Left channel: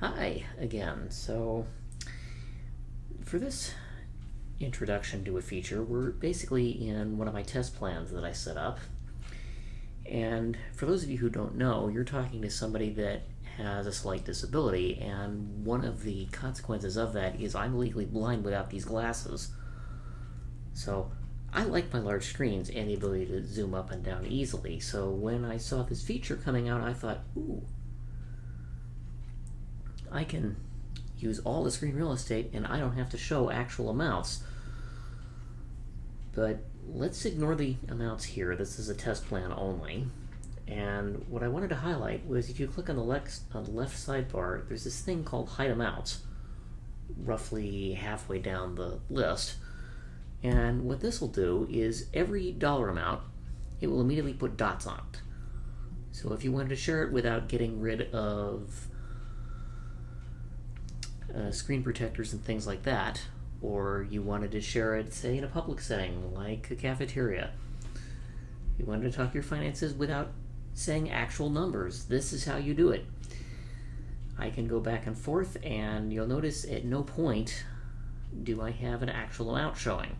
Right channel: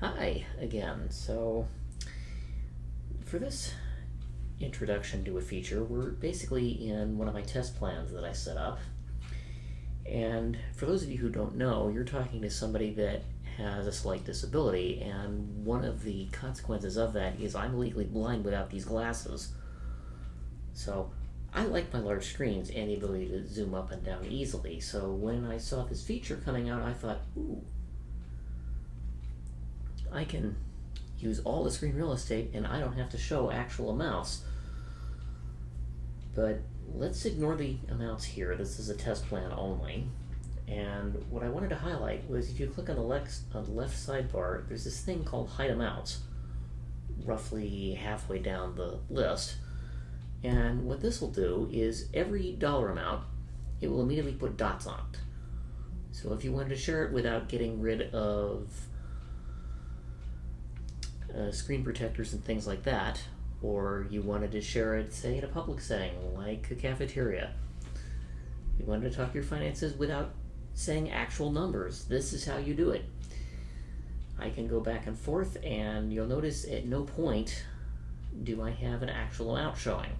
Hi again. So, for this introduction to a feature, we're basically in one of my test plans that I set up. And for those of you who don't know, you're talking to somebody that has a slight disability, and one of the consequences of that is I'm legally blind without these glasses. So, I like my large screens and the ability to zoom up and down easily. So, when I saw this feature coming out, I thought, ooh, I can use all the screen real estate and I don't have to show actual amounts. But let's ignore the amounts here. This is a test plan only. And what I wanted to highlight was if you click on the left sidebar, there's this thing called hide amounts, roughly halfway down the list. And what this will do is every dollar amount, it will immediately put dots on it. So if you wanted to share it without getting rid of screen protectors and things like that, or you wanted to share it, say, in a public setting like a cafeteria, you wanted to talk your finances without saying actual numbers, this is how you do it. I can go back and forth, and you'll notice at no point do I have an actual amount showing.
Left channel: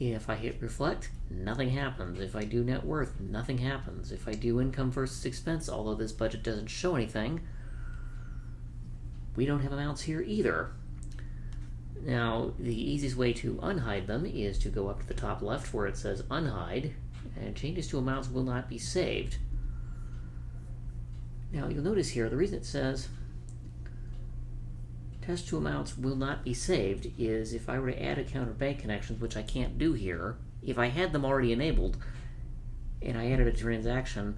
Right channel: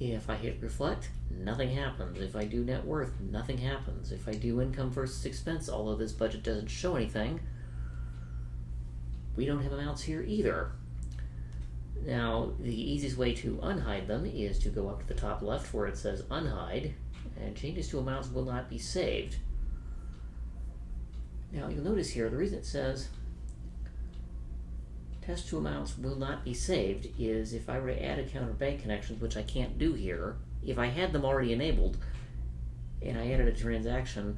If I hit reflect, nothing happens. If I do net worth, nothing happens. If I do income versus expense, although this budget doesn't show anything, we don't have amounts here either. Now, the easiest way to unhide them is to go up to the top left where it says unhide, and changes to amounts will not be saved. Now, you'll notice here, the reason it says test to amounts will not be saved is if I were to add account or bank connections, which I can't do here, if I had them already enabled, and I added a transaction,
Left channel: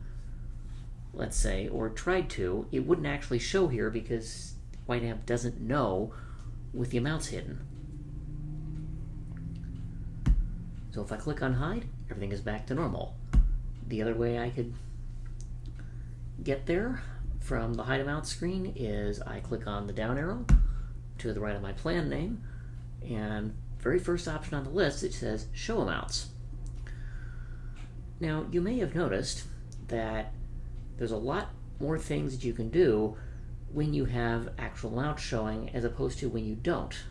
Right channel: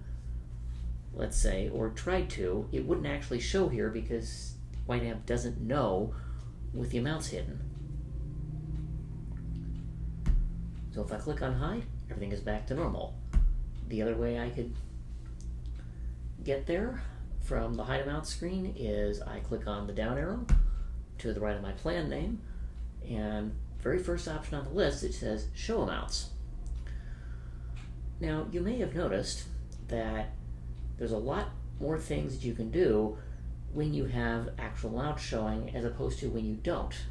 let's say, or tried to, it wouldn't actually show here because YNAB doesn't know with the amounts hidden. So if I click on hide, everything is back to normal. The other way I could get there from the hide amount screen is I click on the down arrow to the right of my plan name, and very first option on the list, it says show amounts. Now you may have noticed that there's a lot more things that you can do when you have actual amounts showing as opposed to when you don't.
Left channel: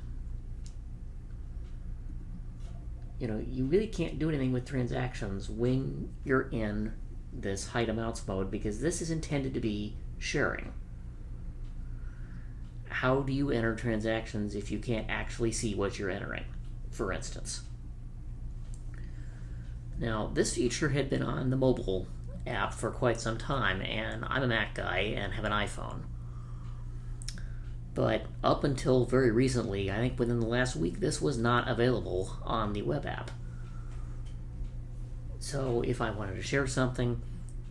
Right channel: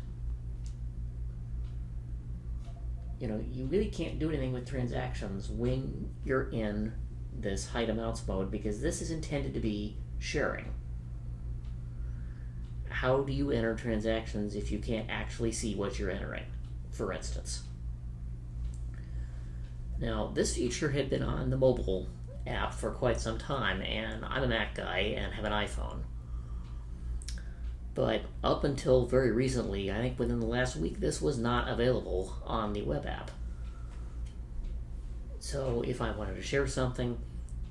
You really can't do anything with transactions when you're in this hide amounts mode because this is intended to be sharing. How do you enter transactions if you can't actually see what you're entering, for instance? Now, this feature had been on the mobile app for quite some time, and I'm a Mac guy and have an iPhone. But up until very recently, I think within the last week, this was not available on the web app. So if I wanted to share something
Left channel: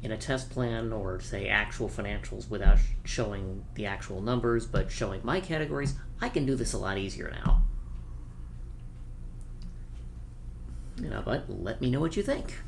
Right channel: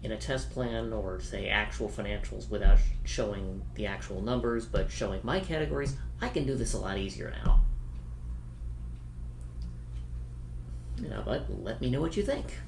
in a test plan or say actual financials without showing the actual numbers but showing my categories, I can do this a lot easier now. But let me know what you think.